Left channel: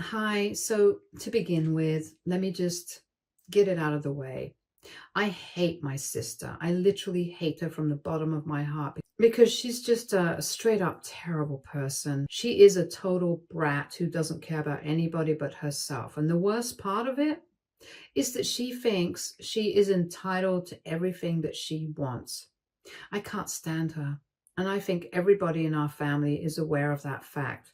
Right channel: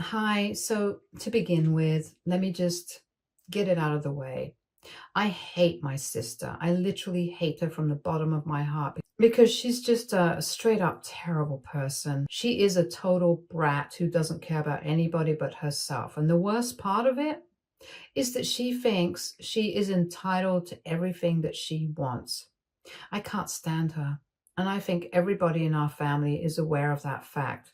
Hi. So, to begin with, let me just get it out of the way. I hate my sister. I literally hate her from the bottom of my heart because she's just a straight up terrible person. She is a total brat who doesn't care about anybody but herself. And the worst part of it is that she thinks she is entitled to everything that she wants. I can't stand her. And I think everybody in our family is aware of that fact.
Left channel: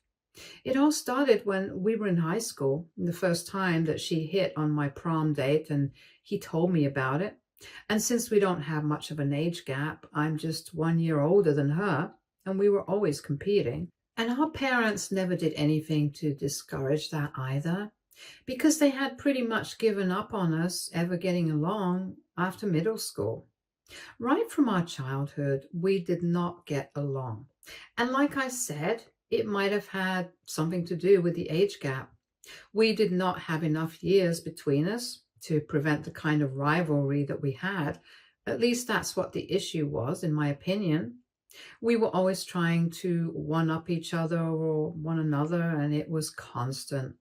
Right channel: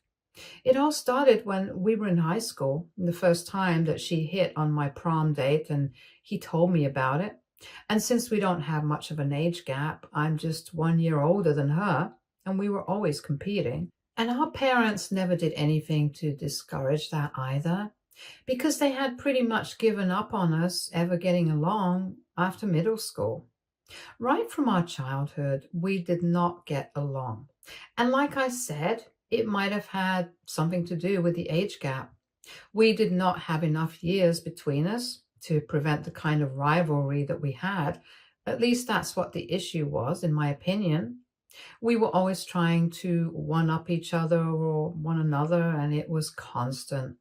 It all started when we were in high school, the first time that she hit on my prom date, and he told me about it. And since we don't have much of an age gap, I'm just 1 year older than her, and we were always competing. And our parents never did anything to discourage that either, because they had pretty much given up on us ever getting along after middle school. Right from our childhood, we did not get along. And like I said, it might have had something to do with the age gap. We did not have enough years between us to prevent the kind of rivalry that we had. At least that's what the issue was, in my opinion. We were always trying to one up each other or one another, and it was constant.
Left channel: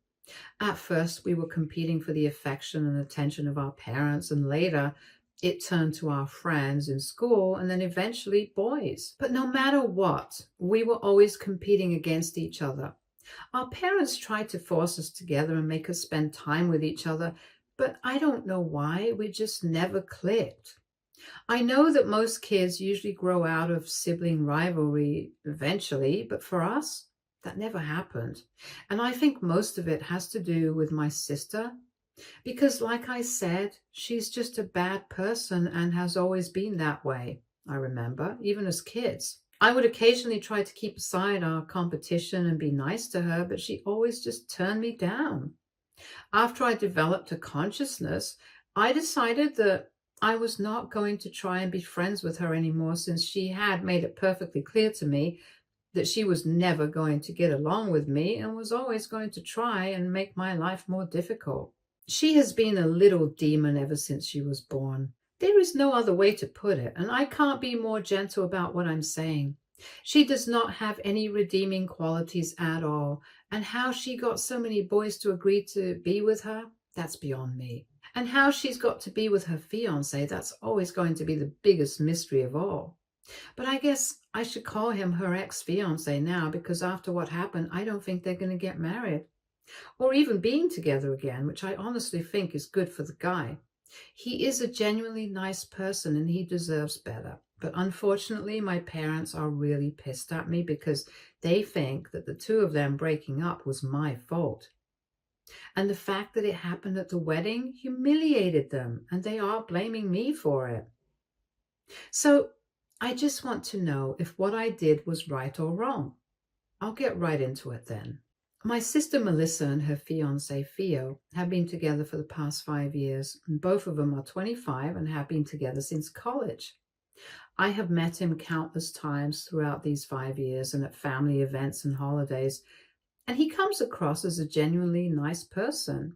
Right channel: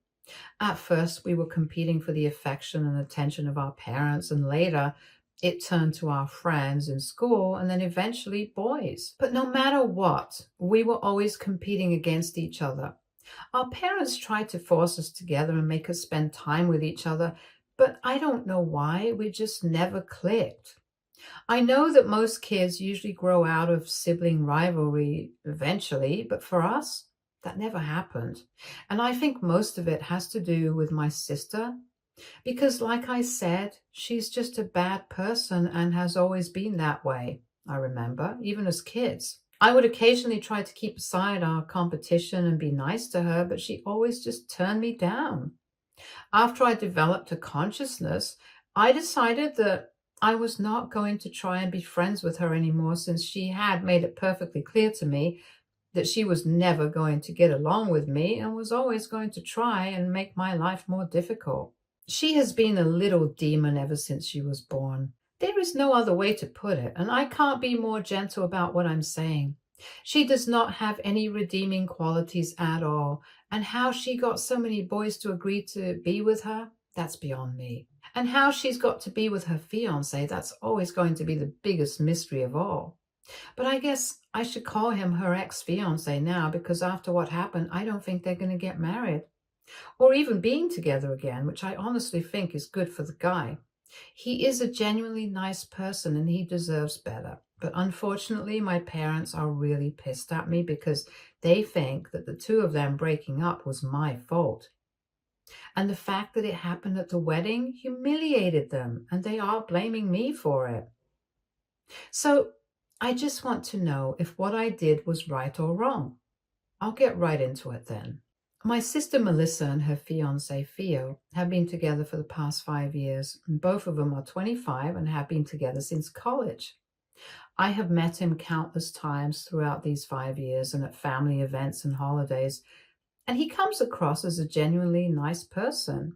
At first, we were competing for the affection and attention of our parents, and later it turned to our friends in school and then eventually boys. But no matter what, we were always competing against each other. Our parents tried to force us together and make us spend time with each other, but I don't know why, we just never clicked. I know that most kids usually grow out of sibling rivalry eventually, but for us, that never happened. And I think most of it has to do with my sister, because, like I said, she's just a bad person and has always been that way. I remember, even as kids. I would occasionally try to keep aside our competition and be nice to her, but she always just turned me down. After I developed a consciousness, I decided that I was not going to try and be friends with her anymore, since she had made it perfectly clear to me that she was never going to get along with me and was always going to try and make my life more difficult. She has been a little demon ever since she was born. There is no other way to put it, and I can't be more gentle about what I'm saying. She does not have any redeeming qualities at all, and how she got so many boys to agree to be with her, that's beyond me. And how she's got to be with her fiancé, that's always going to be the biggest mystery of all. But I guess I should call him her ex-fiancé now, because after what happened, I don't think they're going to get married or even being together again, which I honestly think is good for the guy. He is a genuinely nice person and he deserves better. But unfortunately, my parents are really pissed at me because they think that the two of them breaking up was my fault. And the fact that it happened at the wedding humiliated them, and they are blaming me for it. So I just want to know if what I did was right or wrong. I'll get right into it then. My sister Melissa and her fiance Theo have been together for the past 5 years, and both of them are 25 and have been together since college. I have met him countless times throughout these 5 years and at family events and holidays, and he comes across as a genuinely nice person.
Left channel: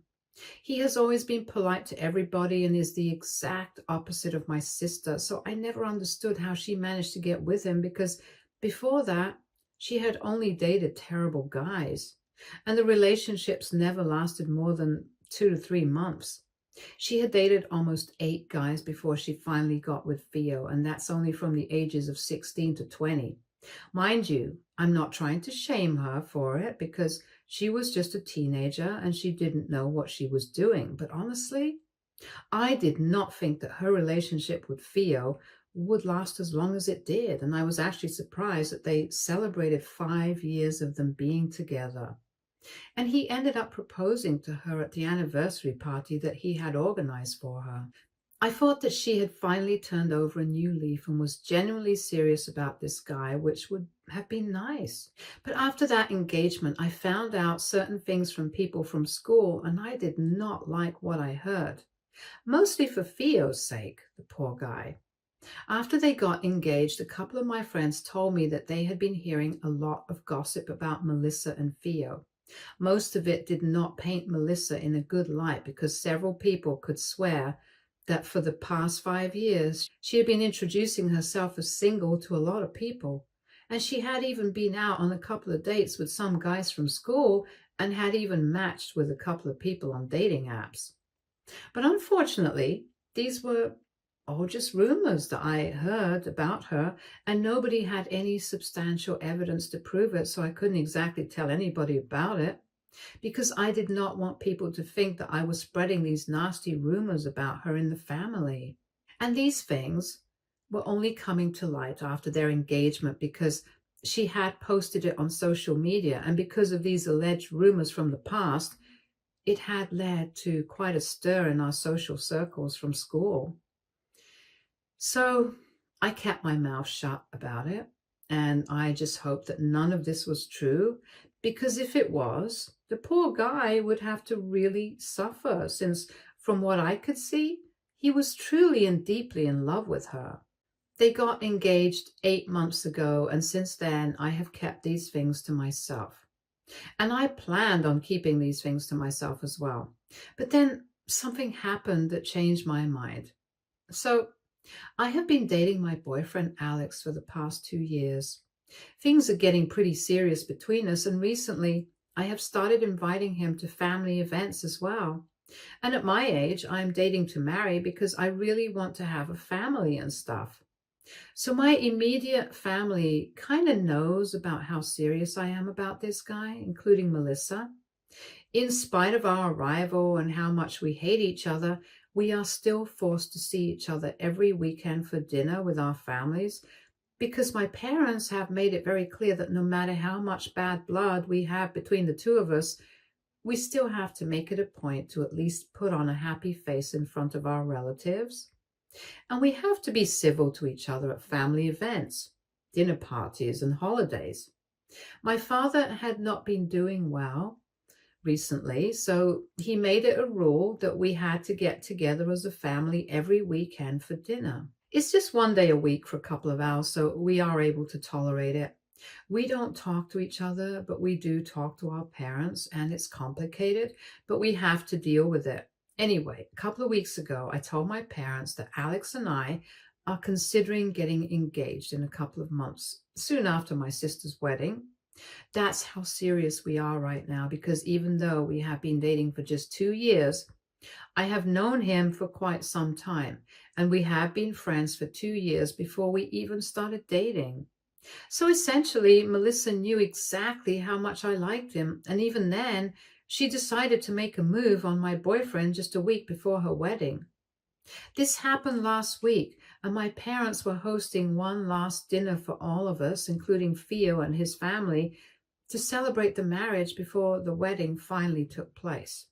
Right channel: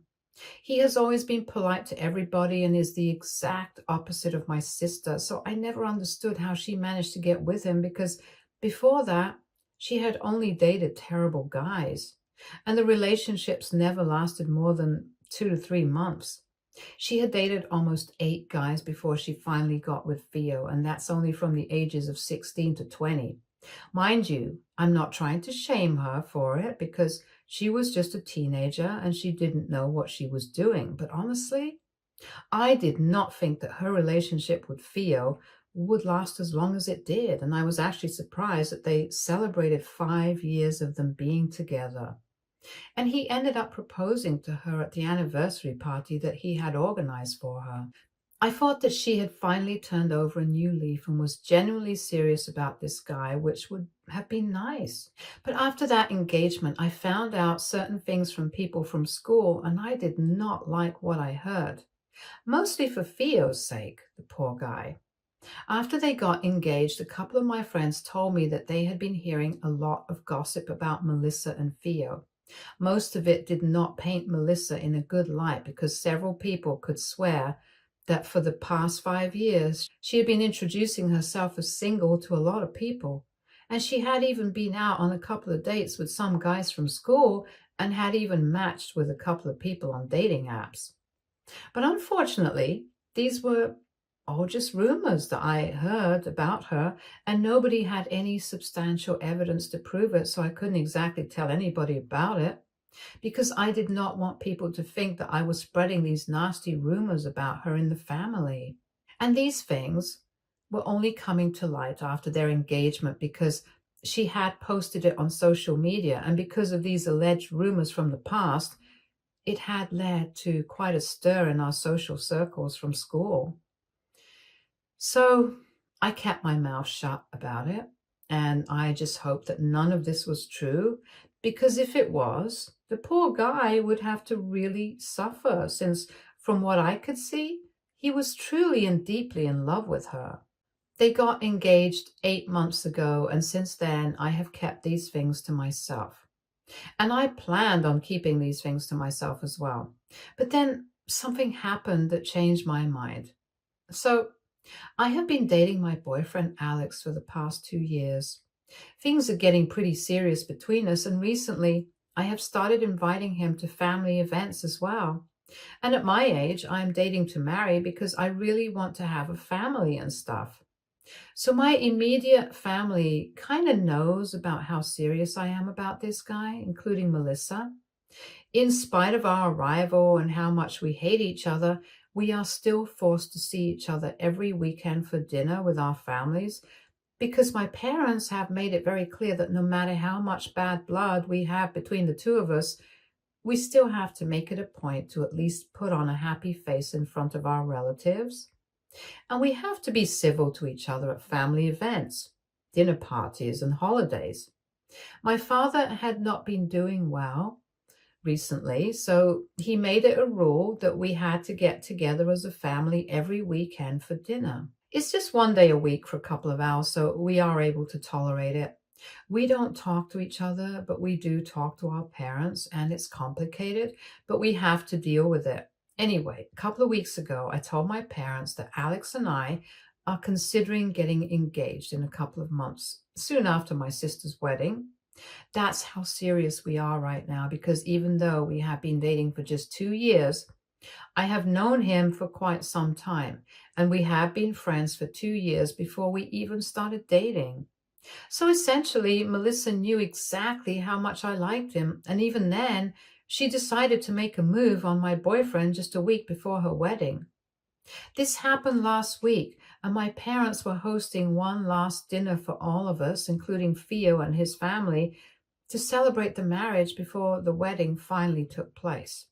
He has always been polite to everybody and is the exact opposite of my sister, so I never understood how she managed to get with him, because before that, she had only dated terrible guys, and the relationships never lasted more than 2 to 3 months. She had dated almost 8 guys before she finally got with Theo, and that's only from the ages of 16 to 20. Mind you, I'm not trying to shame her for it, because she was just a teenager and she didn't know what she was doing. But honestly, I did not think that her relationship with Theo would last as long as it did. And I was actually surprised that they celebrated 5 years of them being together. And he ended up proposing to her at the anniversary party that he had organized for her. I thought that she had finally turned over a new leaf and was genuinely serious about this guy, which would have been nice. But after that engagement, I found out certain things from people from school, and I did not like what I heard. Mostly for Theo's sake, the poor guy. After they got engaged, a couple of my friends told me that they had been hearing a lot of gossip about Melissa and Theo. Most of it did not paint Melissa in a good light, because several people could swear that for the past 5 years, she had been introducing herself as single to a lot of people. And she had even been out on a couple of dates with some guys from school, and had even matched with a couple of people on dating apps. But unfortunately, these were all just rumors that I heard about her, and nobody had any substantial evidence to prove it, so I couldn't exactly tell anybody about it because I did not want people to think that I was spreading these nasty rumors about her in the family. And these things were only coming to light after their engagement because she had posted it on social media, and because of these alleged rumors from the past, it had led to quite a stir in our social circles from school. So I kept my mouth shut about it, and I just hoped that none of this was true, because if it was, the poor guy would have to really suffer, since from what I could see, he was truly and deeply in love with her. They got engaged 8 months ago, and since then I have kept these things to myself. And I planned on keeping these things to myself as well. But then something happened that changed my mind. So I have been dating my boyfriend Alex for the past 2 years. Things are getting pretty serious between us, and recently I have started inviting him to family events as well. And at my age, I'm dating to marry because I really want to have a family and stuff. So my immediate family kind of knows about how serious I am about this guy, including Melissa. In spite of our arrival and how much we hate each other, we are still forced to see each other every weekend for dinner with our families because my parents have made it very clear that no matter how much bad blood we have between the two of us, we still have to make it a point to at least put on a happy face in front of our relatives. And we have to be civil to each other at family events, dinner parties, and holidays. My father had not been doing well recently, so he made it a rule that we had to get together as a family every weekend for dinner. It's just one day a week for a couple of hours, so we are able to tolerate it. We don't talk to each other, but we do talk to our parents, and it's complicated, but we have to deal with it. Anyway, a couple of weeks ago, I told my parents that Alex and I are considering getting engaged in a couple of months, soon after my sister's wedding. That's how serious we are right now, because even though we have been dating for just 2 years, I have known him for quite some time, and we have been friends for 2 years before we even started dating. So essentially, Melissa knew exactly how much I liked him, and even then, she decided to make a move on my boyfriend just a week before her wedding. This happened last week, and my parents were hosting one last dinner for all of us, including Theo and his family, to celebrate the marriage before the wedding finally took place.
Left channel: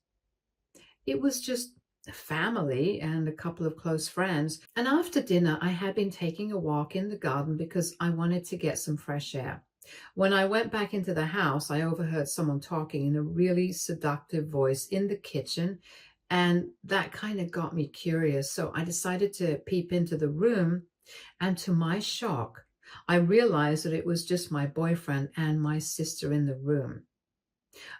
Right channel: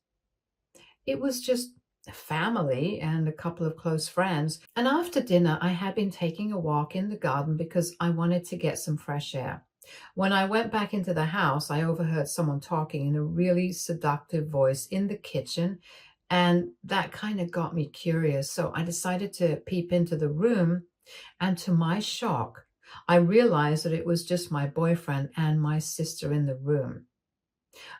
It was just family and a couple of close friends, and after dinner I had been taking a walk in the garden because I wanted to get some fresh air. When I went back into the house, I overheard someone talking in a really seductive voice in the kitchen, and that kind of got me curious, so I decided to peep into the room, and to my shock, I realized that it was just my boyfriend and my sister in the room.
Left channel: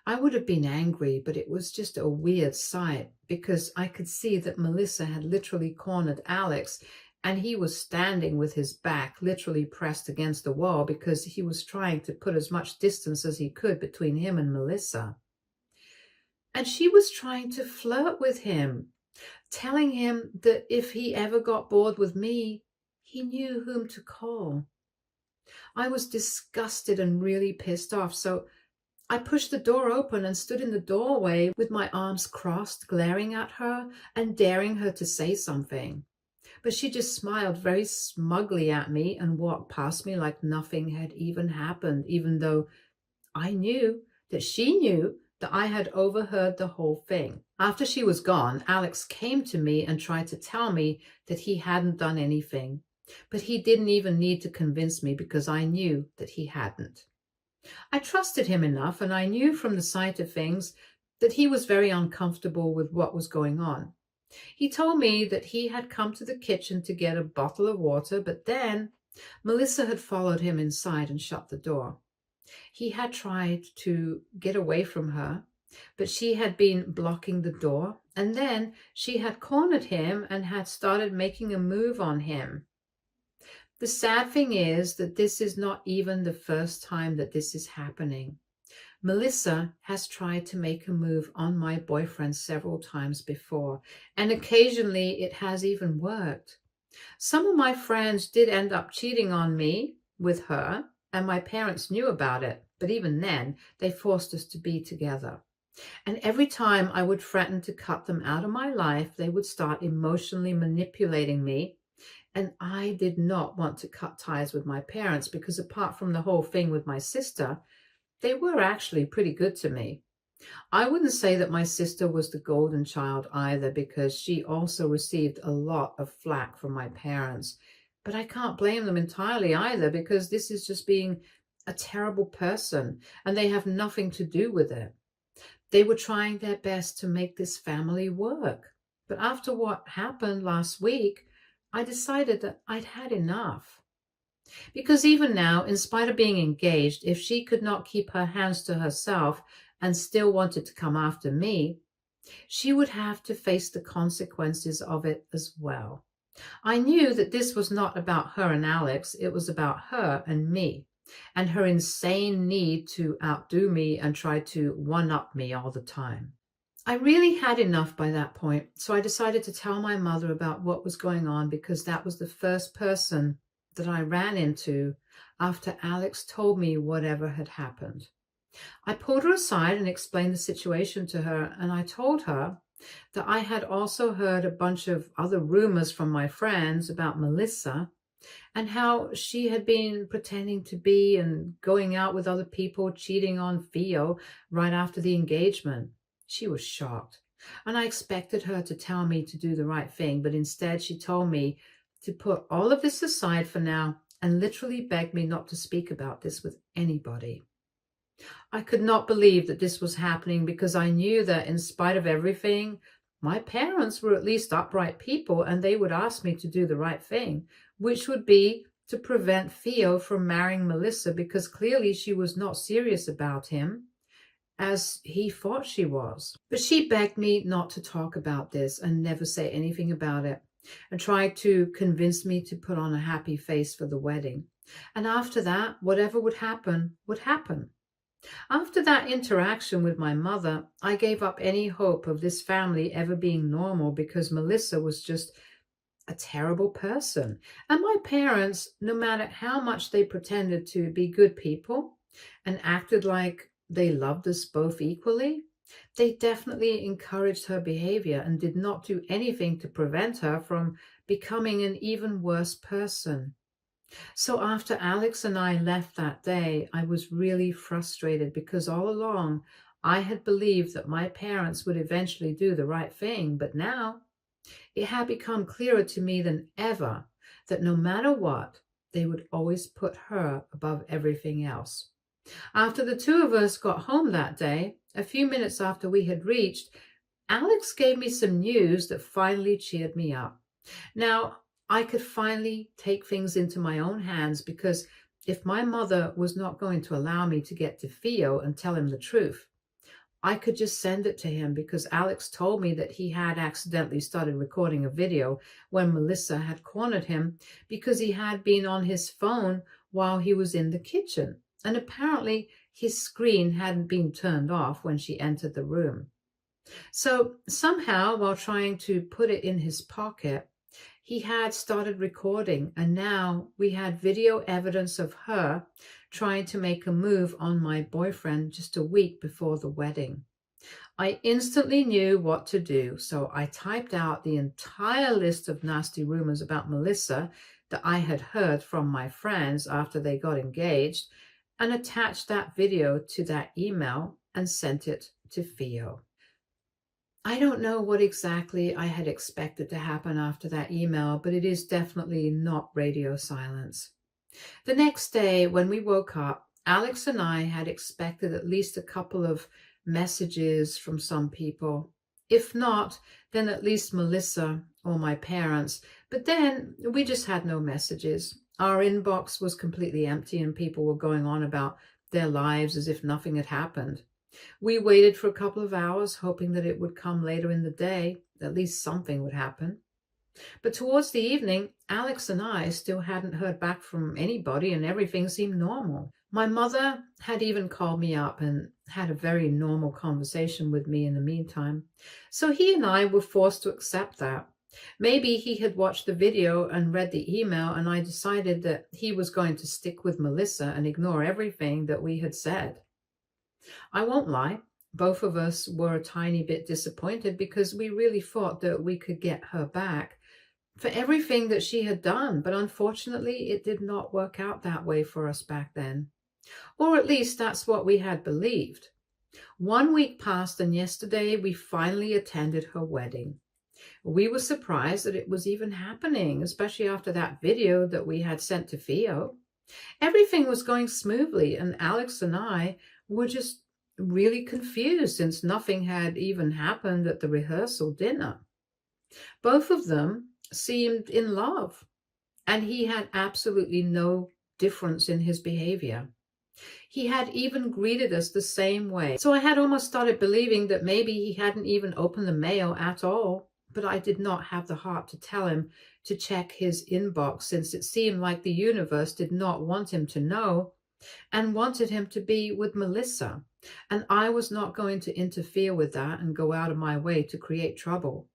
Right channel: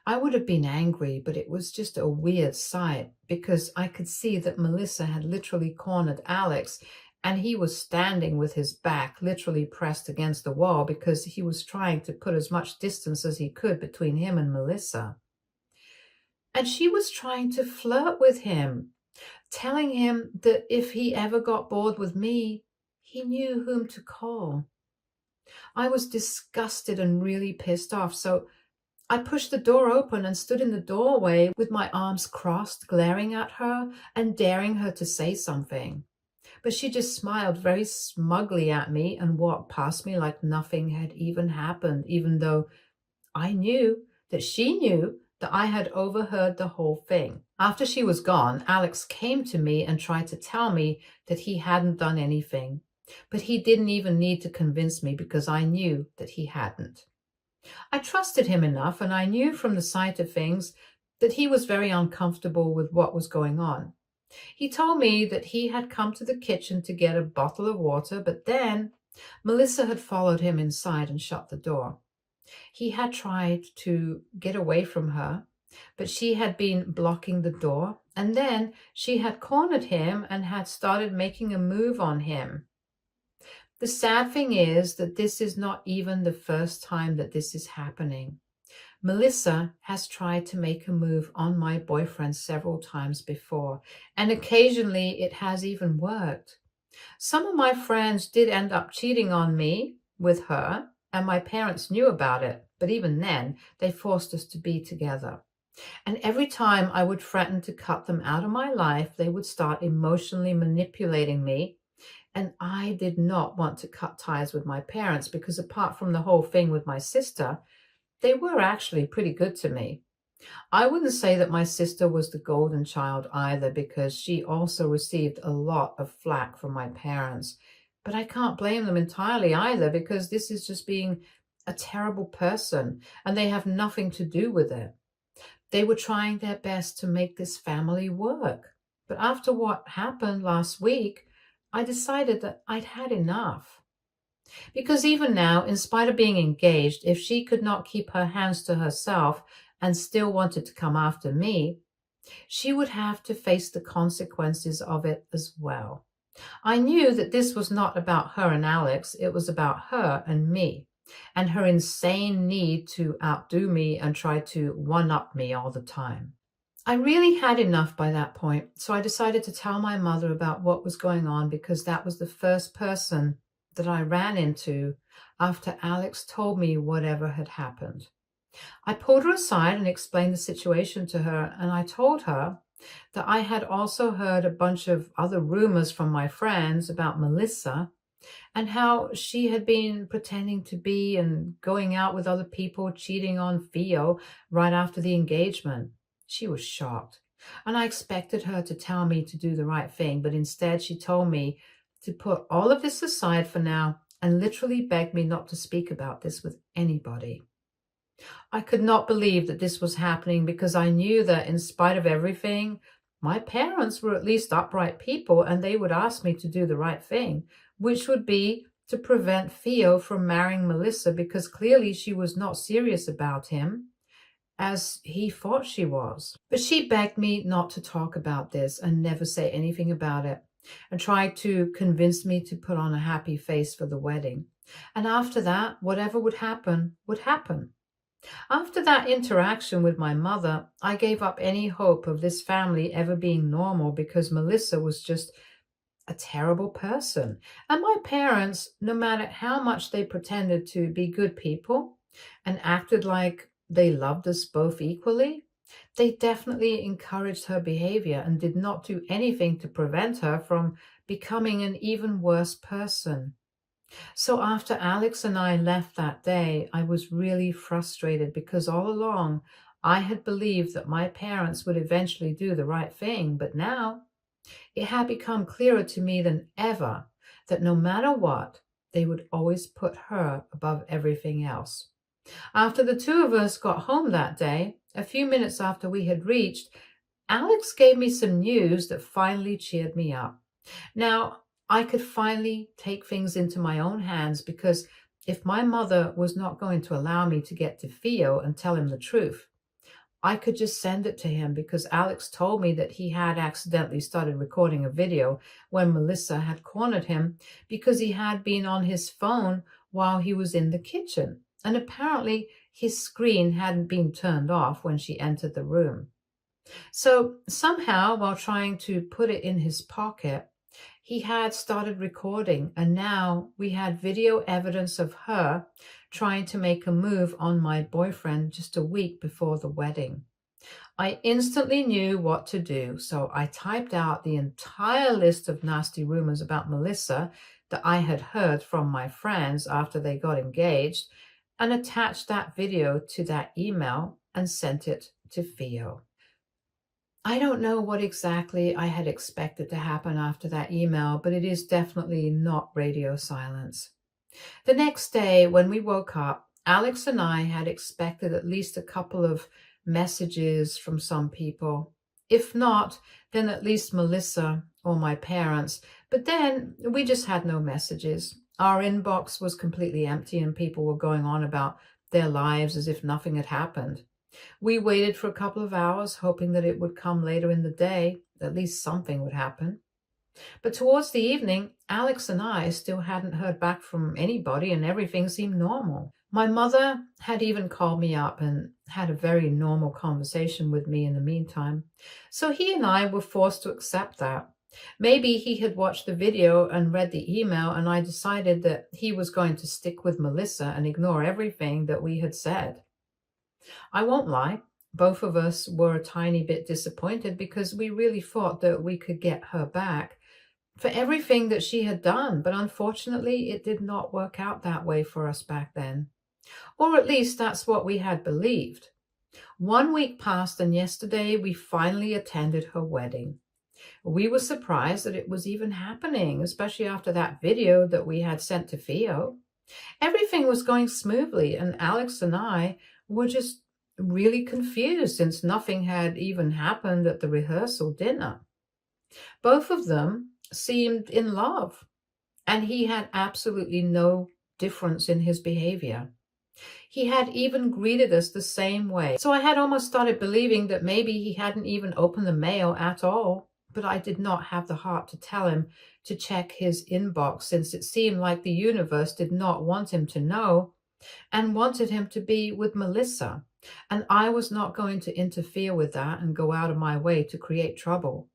I would have been angry, but it was just a weird sight because I could see that Melissa had literally cornered Alex, and he was standing with his back literally pressed against the wall because he was trying to put as much distance as he could between him and Melissa. And she was trying to flirt with him, telling him that if he ever got bored with me, he knew whom to call. I was disgusted and really pissed off, so I pushed the door open and stood in the doorway with my arms crossed, glaring at her and daring her to say something. But she just smiled very smugly at me and walked past me like nothing had even happened, even though I knew that she knew that I had overheard the whole thing. After she was gone, Alex came to me and tried to tell me that he hadn't done anything. But he didn't even need to convince me because I knew that he hadn't. I trusted him enough, and I knew from the sight of things that he was very uncomfortable with what was going on. He told me that he had come to the kitchen to get a bottle of water, but then Melissa had followed him inside and shut the door. He had tried to get away from her, but she had been blocking the door, and then she had cornered him and had started making a move on him. The sad thing is that this is not even the first time that this is happening. Melissa has tried to make a move on my boyfriend several times before, and occasionally it has even worked. Some of my friends did end up cheating on me with her, and my parents knew about it, but even then, they forced us to be together. And every time I would threaten to cut them out of my life, they would start emotionally manipulating me. And I did not want to cut ties with my parents because apart from the whole thing with my sister, they were actually pretty good to me. I wouldn't say that my sister was the golden child either because she also received a lot of flack from my parents. But I can't blame them entirely either because this is just being a terrible person and they have nothing to do with it. They were trying their best to make this family work. But after what happened last week, I decided that I'd had enough. Because even now, in spite of being engaged, if she could not keep her hands to herself and still wanted to come after me, she would have to face the consequences of it as well. I knew that this was not about her and Alex, it was about her and me, and her insane need to outdo me and try to one-up me all the time. I really had enough by that point, so I decided to tell my mother about what was going on because that was the first person that I ran into after Alex told me whatever had happened. I pulled her aside and explained the situation to her, and I told her that I had also heard a bunch of other rumors from my friends about Melissa and how she had been pretending to be and going out with other people, cheating on Theo right after the engagement. She was shocked, and I expected her to tell me to do the right thing, but instead she told me to put all of this aside for now and literally begged me not to speak about this with anybody. I could not believe that this was happening because I knew that in spite of everything, my parents were at least upright people and they would ask me to do the right thing, which would be to prevent Theo from marrying Melissa because clearly she was not serious about him as he thought she was. But she begged me not to talk about this and never say anything about it and tried to convince me to put on a happy face for the wedding. And after that, whatever would happen would happen. After that interaction with my mother, I gave up any hope of this family ever being normal because Melissa was just a terrible person. And my parents, no matter how much they pretended to be good people and acted like they loved us both equally, they definitely encouraged her behavior and did not do anything to prevent her from becoming an even worse person. So after Alex and I left that day, I was really frustrated because all along I had believed that my parents would eventually do the right thing, but now it had become clearer to me than ever that no matter what, they would always put her above everything else. After the two of us got home that day, a few minutes after we had reached, Alex gave me some news that finally cheered me up. Now, I could finally take things into my own hands because if my mother was not going to allow me to get to Theo and tell him the truth, I could just send it to him because Alex told me that he had accidentally started recording a video when Melissa had cornered him because he had been on his phone while he was in the kitchen. And apparently his screen hadn't been turned off when she entered the room. So somehow, while trying to put it in his pocket, he had started recording, and now we had video evidence of her trying to make a move on my boyfriend just a week before the wedding. I instantly knew what to do, so I typed out the entire list of nasty rumors about Melissa that I had heard from my friends after they got engaged and attached that video to that email and sent it to Theo. I don't know what exactly I had expected to happen after that email, but it is definitely not radio silence. The next day, when we woke up, Alex and I had expected at least a couple of messages from some people. If not, then at least Melissa or my parents. But then we just had no messages. Our inbox was completely empty and people were going on about their lives as if nothing had happened. We waited for a couple of hours, hoping that it would come later in the day. At least something would happen. But towards the evening, Alex and I still hadn't heard back from anybody and everything seemed normal. My mother had even called me up and had a very normal conversation with me in the meantime. So he and I were forced to accept that. Maybe he had watched the video and read the email, and I decided that he was going to stick with Melissa and ignore everything that we had said. I won't lie, both of us were a tiny bit disappointed because we really thought that we could get her back for everything that she had done, but unfortunately it did not work out that way for us back then. Or at least that's what we had believed. 1 week passed, and yesterday we finally attended her wedding. We were surprised that it was even happening, especially after that video that we had sent to Theo. Everything was going smoothly, and Alex and I were just really confused since nothing had even happened at the rehearsal dinner. Both of them seemed in love, and he had absolutely no difference in his behavior. He had even greeted us the same way. So I had almost started believing that maybe he hadn't even opened the mail at all, but I did not have the heart to tell him to check his inbox, since it seemed like the universe did not want him to know and wanted him to be with Melissa. And I was not going to interfere with that and go out of my way to create trouble.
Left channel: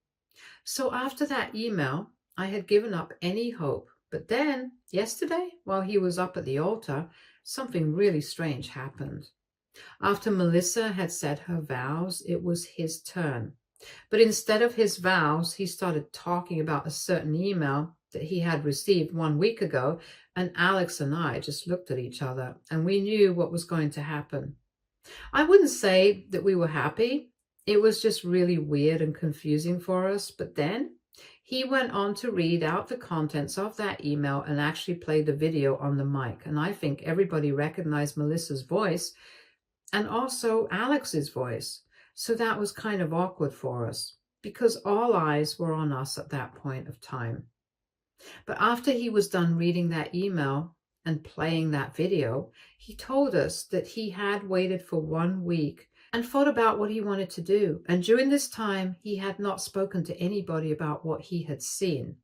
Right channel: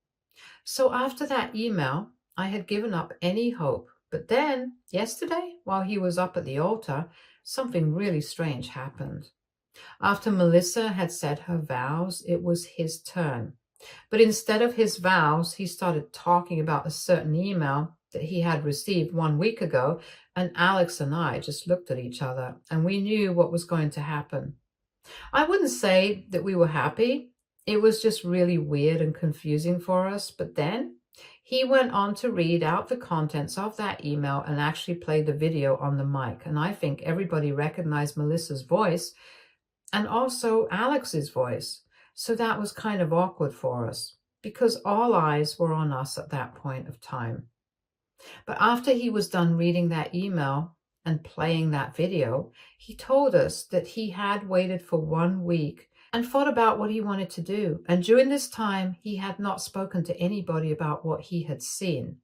So after that email, I had given up any hope. But then, yesterday, while he was up at the altar, something really strange happened. After Melissa had said her vows, it was his turn. But instead of his vows, he started talking about a certain email that he had received 1 week ago, and Alex and I just looked at each other, and we knew what was going to happen. I wouldn't say that we were happy. It was just really weird and confusing for us. But then he went on to read out the contents of that email and actually play the video on the mic. And I think everybody recognized Melissa's voice and also Alex's voice. So that was kind of awkward for us because all eyes were on us at that point of time. But after he was done reading that email and playing that video, he told us that he had waited for 1 week and thought about what he wanted to do. And during this time, he had not spoken to anybody about what he had seen.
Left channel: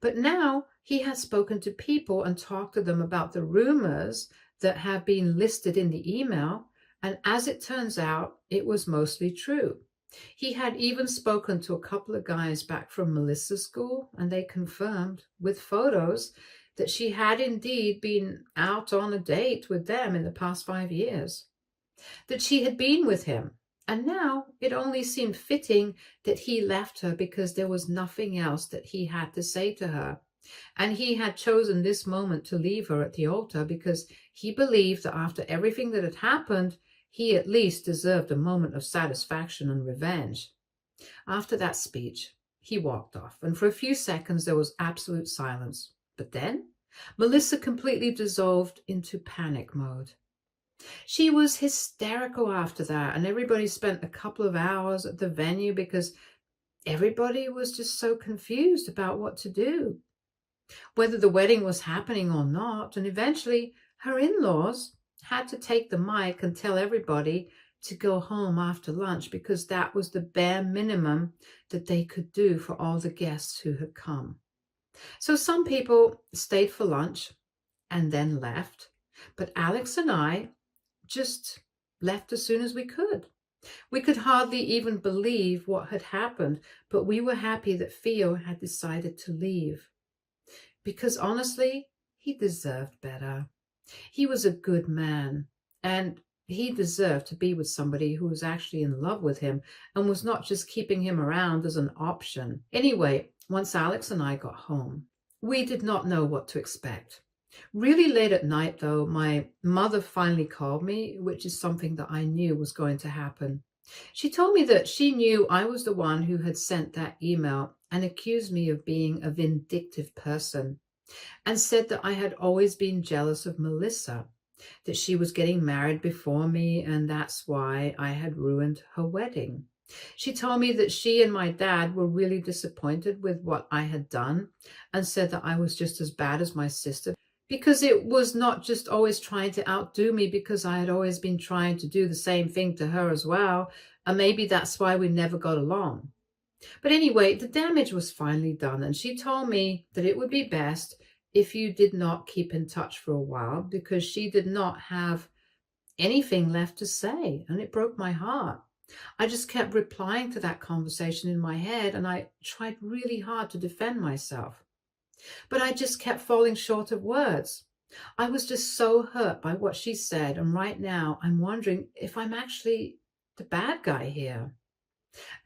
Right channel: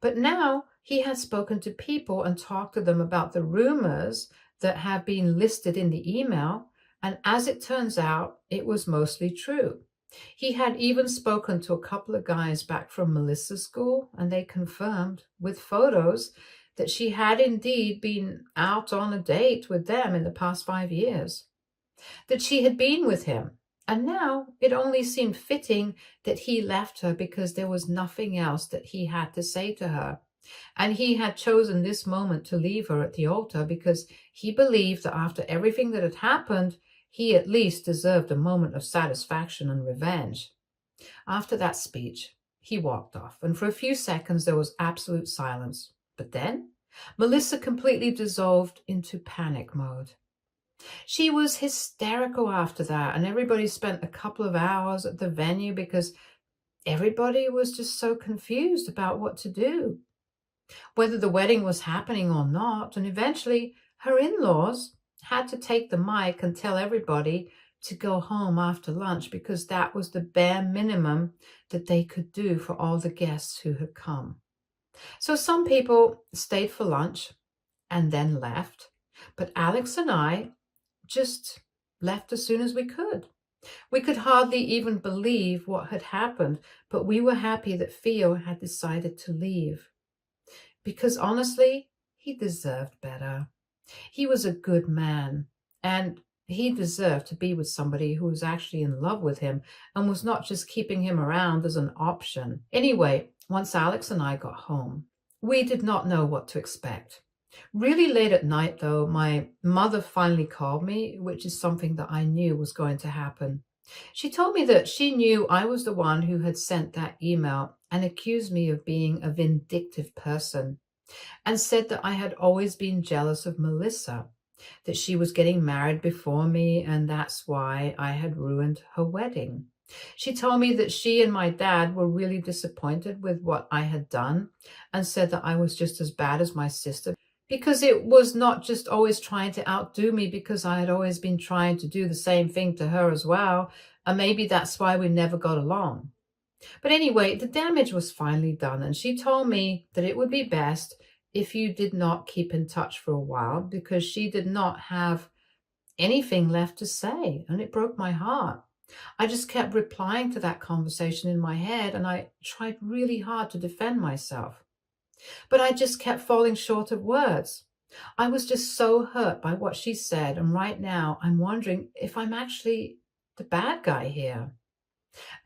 But now he had spoken to people and talked to them about the rumors that have been listed in the email. And as it turns out, it was mostly true. He had even spoken to a couple of guys back from Melissa's school, and they confirmed with photos that she had indeed been out on a date with them in the past 5 years, that she had been with him. And now it only seemed fitting that he left her because there was nothing else that he had to say to her. And he had chosen this moment to leave her at the altar because he believed that after everything that had happened, he at least deserved a moment of satisfaction and revenge. After that speech, he walked off, and for a few seconds there was absolute silence. But then Melissa completely dissolved into panic mode. She was hysterical after that, and everybody spent a couple of hours at the venue because everybody was just so confused about what to do, whether the wedding was happening or not. And eventually her in-laws had to take the mic and tell everybody to go home after lunch because that was the bare minimum that they could do for all the guests who had come. So some people stayed for lunch and then left, but Alex and I just left as soon as we could. We could hardly even believe what had happened, but we were happy that Theo had decided to leave because honestly, he deserved better. He was a good man, and he deserved to be with somebody who was actually in love with him and was not just keeping him around as an option. Anyway, once Alex and I got home, we did not know what to expect. Really late at night, though, my mother finally called me, which is something that I knew was going to happen. She told me that she knew I was the one who had sent that email and accused me of being a vindictive person, and said that I had always been jealous of Melissa, that she was getting married before me, and that's why I had ruined her wedding. She told me that she and my dad were really disappointed with what I had done and said that I was just as bad as my sister because it was not just always trying to outdo me because I had always been trying to do the same thing to her as well, and maybe that's why we never got along. But anyway, the damage was finally done, and she told me that it would be best if you did not keep in touch for a while, because she did not have anything left to say, and it broke my heart. I just kept replying to that conversation in my head, and I tried really hard to defend myself. But I just kept falling short of words. I was just so hurt by what she said, and right now I'm wondering if I'm actually the bad guy here.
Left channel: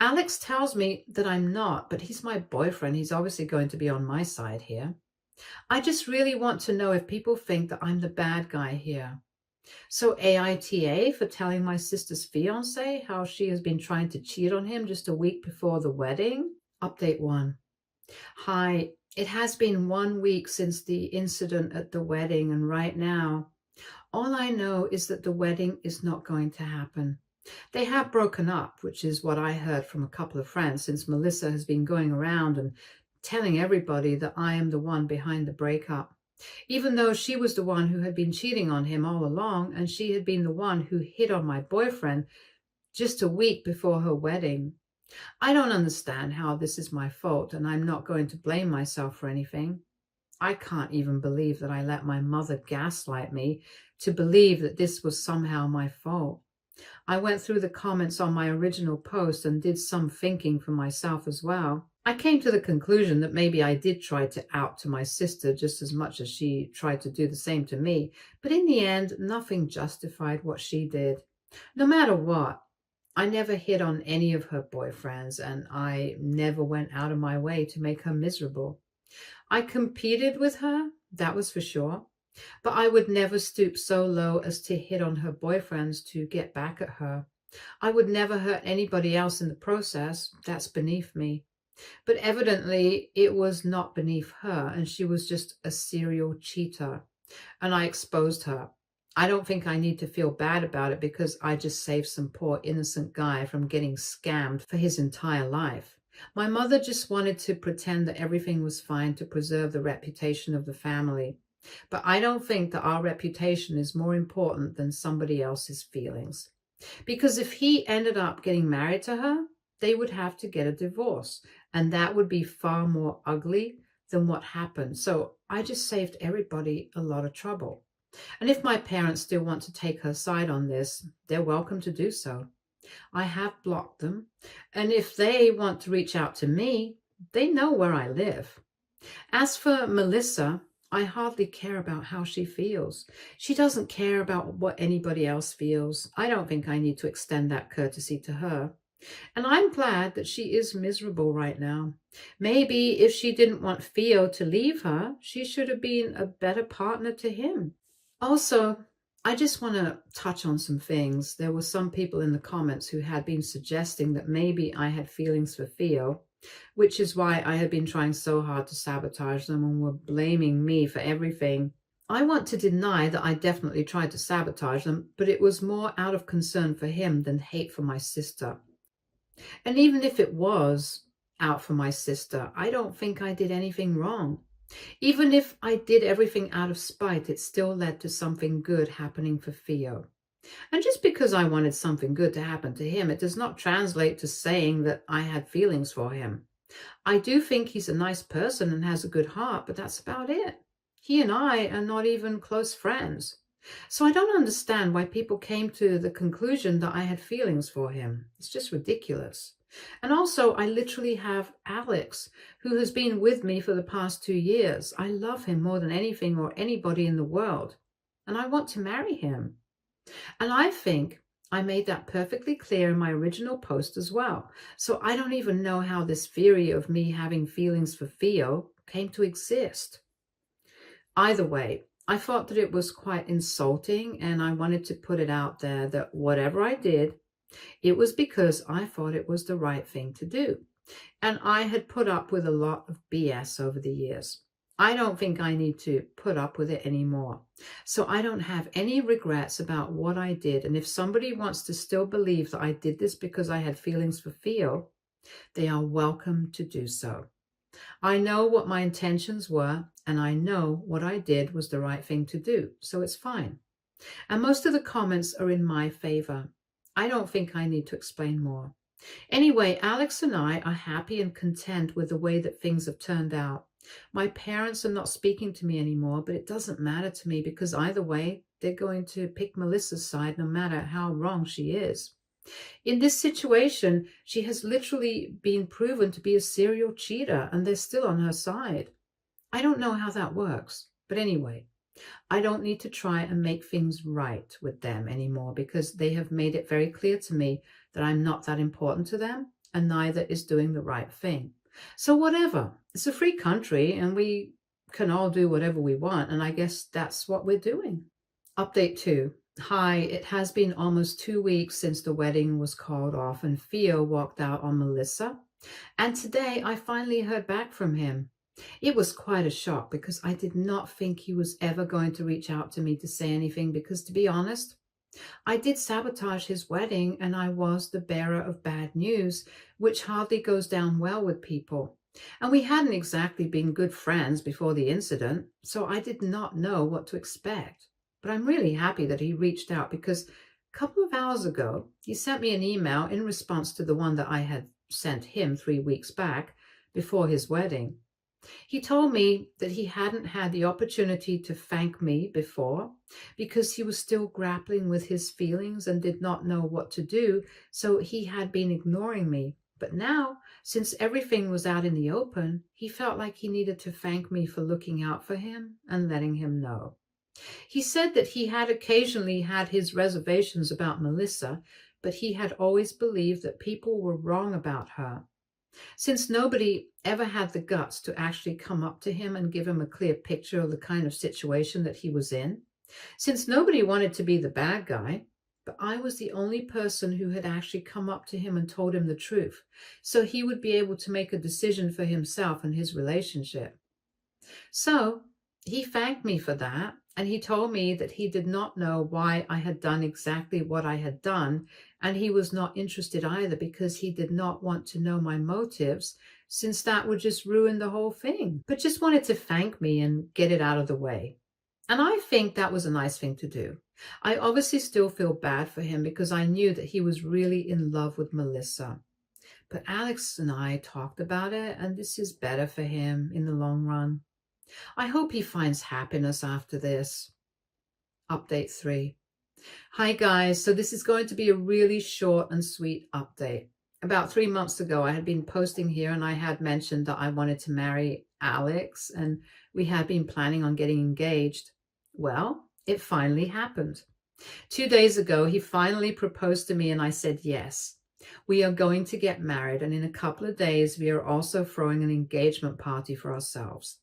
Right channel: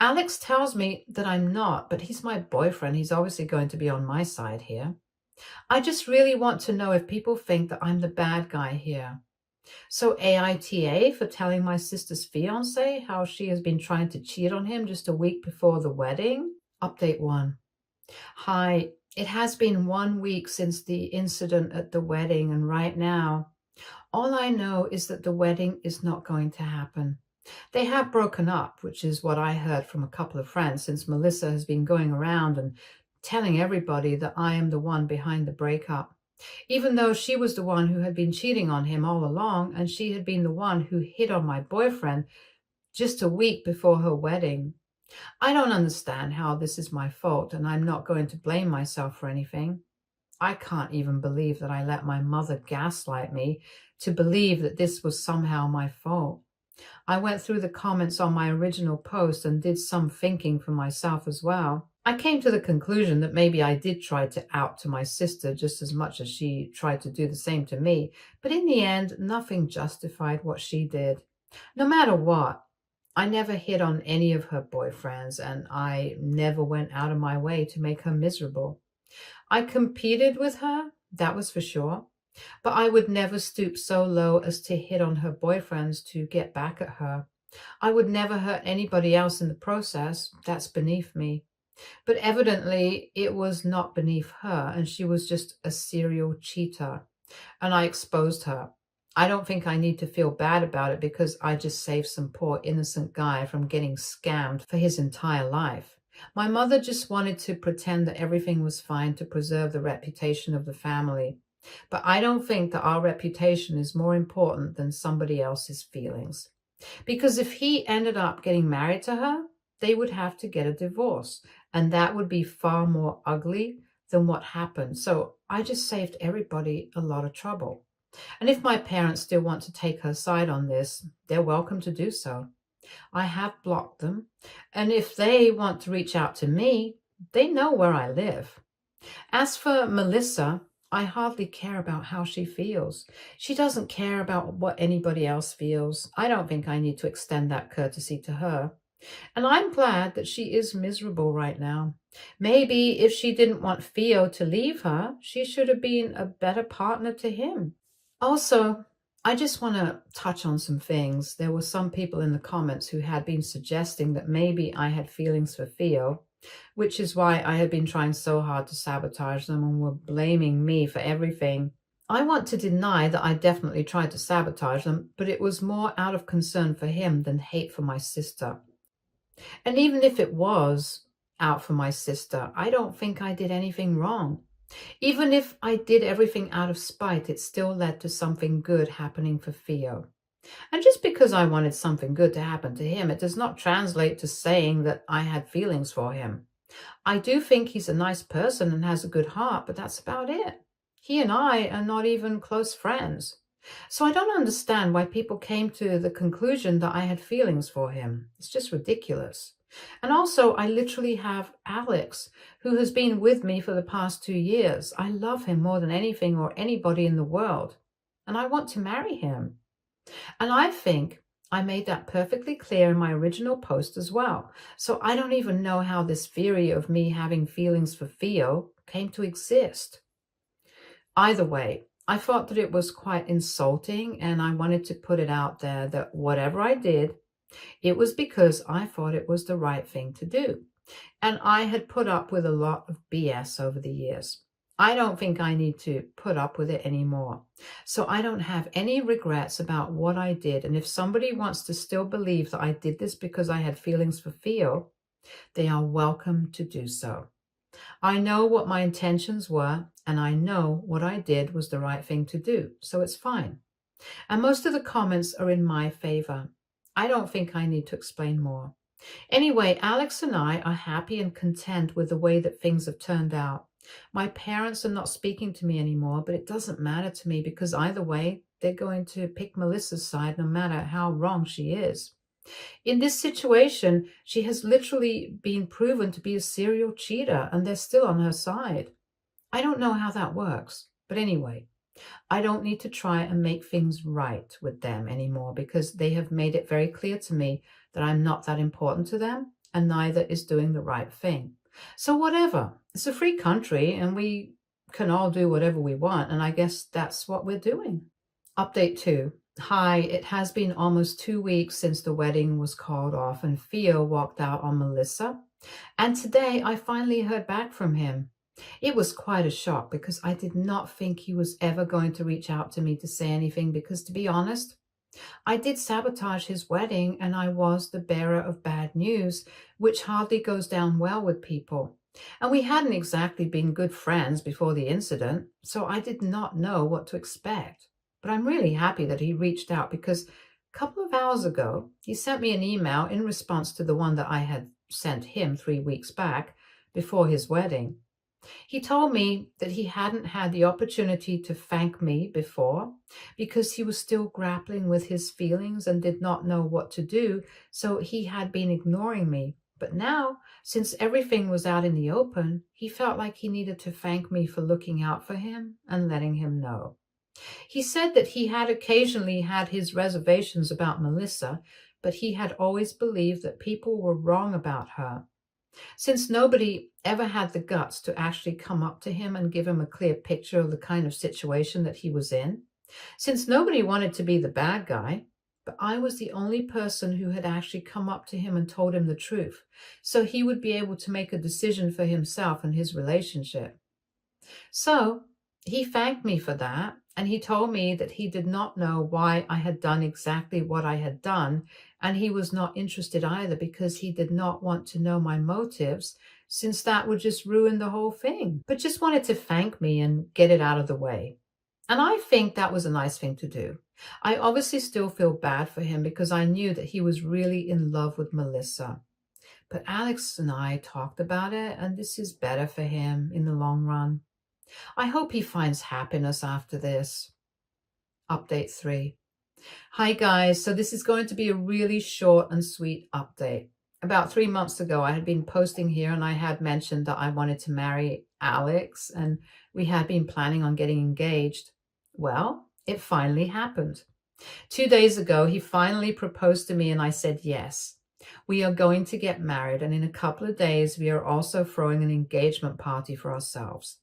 Alex tells me that I'm not, but he's my boyfriend. He's obviously going to be on my side here. I just really want to know if people think that I'm the bad guy here. So AITA for telling my sister's fiance how she has been trying to cheat on him just a week before the wedding. Update 1. Hi, it has been 1 week since the incident at the wedding, and right now, all I know is that the wedding is not going to happen. They have broken up, which is what I heard from a couple of friends, since Melissa has been going around and telling everybody that I am the one behind the breakup, even though she was the one who had been cheating on him all along, and she had been the one who hit on my boyfriend just a week before her wedding. I don't understand how this is my fault, and I'm not going to blame myself for anything. I can't even believe that I let my mother gaslight me to believe that this was somehow my fault. I went through the comments on my original post and did some thinking for myself as well. I came to the conclusion that maybe I did try to out to my sister just as much as she tried to do the same to me, but in the end, nothing justified what she did. No matter what, I never hit on any of her boyfriends, and I never went out of my way to make her miserable. I competed with her, that was for sure, but I would never stoop so low as to hit on her boyfriends to get back at her. I would never hurt anybody else in the process. That's beneath me. But evidently, it was not beneath her, and she was just a serial cheater, and I exposed her. I don't think I need to feel bad about it because I just saved some poor innocent guy from getting scammed for his entire life. My mother just wanted to pretend that everything was fine to preserve the reputation of the family. But I don't think that our reputation is more important than somebody else's feelings. Because if he ended up getting married to her, they would have to get a divorce. And that would be far more ugly than what happened. So I just saved everybody a lot of trouble. And if my parents still want to take her side on this, they're welcome to do so. I have blocked them. And if they want to reach out to me, they know where I live. As for Melissa, I hardly care about how she feels. She doesn't care about what anybody else feels. I don't think I need to extend that courtesy to her. And I'm glad that she is miserable right now. Maybe if she didn't want Theo to leave her, she should have been a better partner to him. Also, I just want to touch on some things. There were some people in the comments who had been suggesting that maybe I had feelings for Theo, which is why I had been trying so hard to sabotage them and were blaming me for everything. I want to deny that I definitely tried to sabotage them, but it was more out of concern for him than hate for my sister. And even if it was out for my sister, I don't think I did anything wrong. Even if I did everything out of spite, it still led to something good happening for Theo. And just because I wanted something good to happen to him, it does not translate to saying that I had feelings for him. I do think he's a nice person and has a good heart, but that's about it. He and I are not even close friends. So I don't understand why people came to the conclusion that I had feelings for him. It's just ridiculous. And also, I literally have Alex, who has been with me for the past 2 years. I love him more than anything or anybody in the world, and I want to marry him. And I think I made that perfectly clear in my original post as well. So I don't even know how this theory of me having feelings for Theo came to exist. Either way, I thought that it was quite insulting, and I wanted to put it out there that whatever I did, it was because I thought it was the right thing to do. And I had put up with a lot of BS over the years. I don't think I need to put up with it anymore. So I don't have any regrets about what I did. And if somebody wants to still believe that I did this because I had feelings for Theo, they are welcome to do so. I know what my intentions were, and I know what I did was the right thing to do. So it's fine. And most of the comments are in my favor. I don't think I need to explain more. Anyway, Alex and I are happy and content with the way that things have turned out. My parents are not speaking to me anymore, but it doesn't matter to me because either way, they're going to pick Melissa's side no matter how wrong she is. In this situation, she has literally been proven to be a serial cheater and they're still on her side. I don't know how that works, but anyway, I don't need to try and make things right with them anymore because they have made it very clear to me that I'm not that important to them and neither is doing the right thing. So whatever, it's a free country and we can all do whatever we want. And I guess that's what we're doing. Update 2. Hi, it has been almost 2 weeks since the wedding was called off and Theo walked out on Melissa. And today I finally heard back from him. It was quite a shock because I did not think he was ever going to reach out to me to say anything because, to be honest, I did sabotage his wedding and I was the bearer of bad news, which hardly goes down well with people. And we hadn't exactly been good friends before the incident, so I did not know what to expect. But I'm really happy that he reached out because a couple of hours ago, he sent me an email in response to the one that I had sent him 3 weeks back before his wedding. He told me that he hadn't had the opportunity to thank me before because he was still grappling with his feelings and did not know what to do, so he had been ignoring me. But now, since everything was out in the open, he felt like he needed to thank me for looking out for him and letting him know. He said that he had occasionally had his reservations about Melissa, but he had always believed that people were wrong about her. Since nobody ever had the guts to actually come up to him and give him a clear picture of the kind of situation that he was in, since nobody wanted to be the bad guy, but I was the only person who had actually come up to him and told him the truth, so he would be able to make a decision for himself and his relationship. So he thanked me for that, and he told me that he did not know why I had done exactly what I had done, and he was not interested either because he did not want to know my motives, since that would just ruin the whole thing, but just wanted to thank me and get it out of the way. And I think that was a nice thing to do. I obviously still feel bad for him because I knew that he was really in love with Melissa. But Alex and I talked about it, and this is better for him in the long run. I hope he finds happiness after this. Update 3. Hi guys, so this is going to be a really short and sweet update. About 3 months ago, I had been posting here and I had mentioned that I wanted to marry Alex and we had been planning on getting engaged. Well, it finally happened. 2 days ago, he finally proposed to me and I said yes. We are going to get married and in a couple of days, we are also throwing an engagement party for ourselves.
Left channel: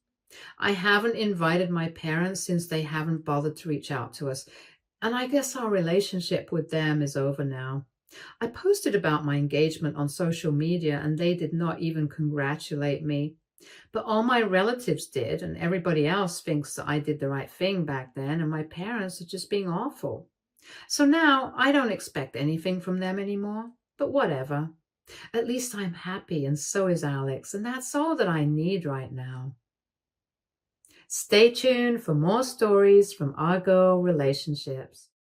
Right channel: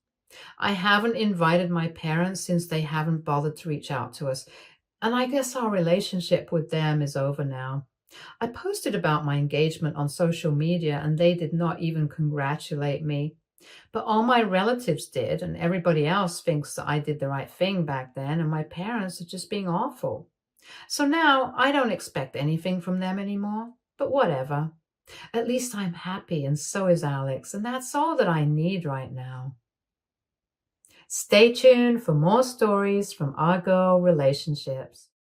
I haven't invited my parents since they haven't bothered to reach out to us. And I guess our relationship with them is over now. I posted about my engagement on social media and they did not even congratulate me. But all my relatives did and everybody else thinks that I did the right thing back then and my parents are just being awful. So now I don't expect anything from them anymore, but whatever. At least I'm happy and so is Alex, and that's all that I need right now. Stay tuned for more stories from our girl relationships.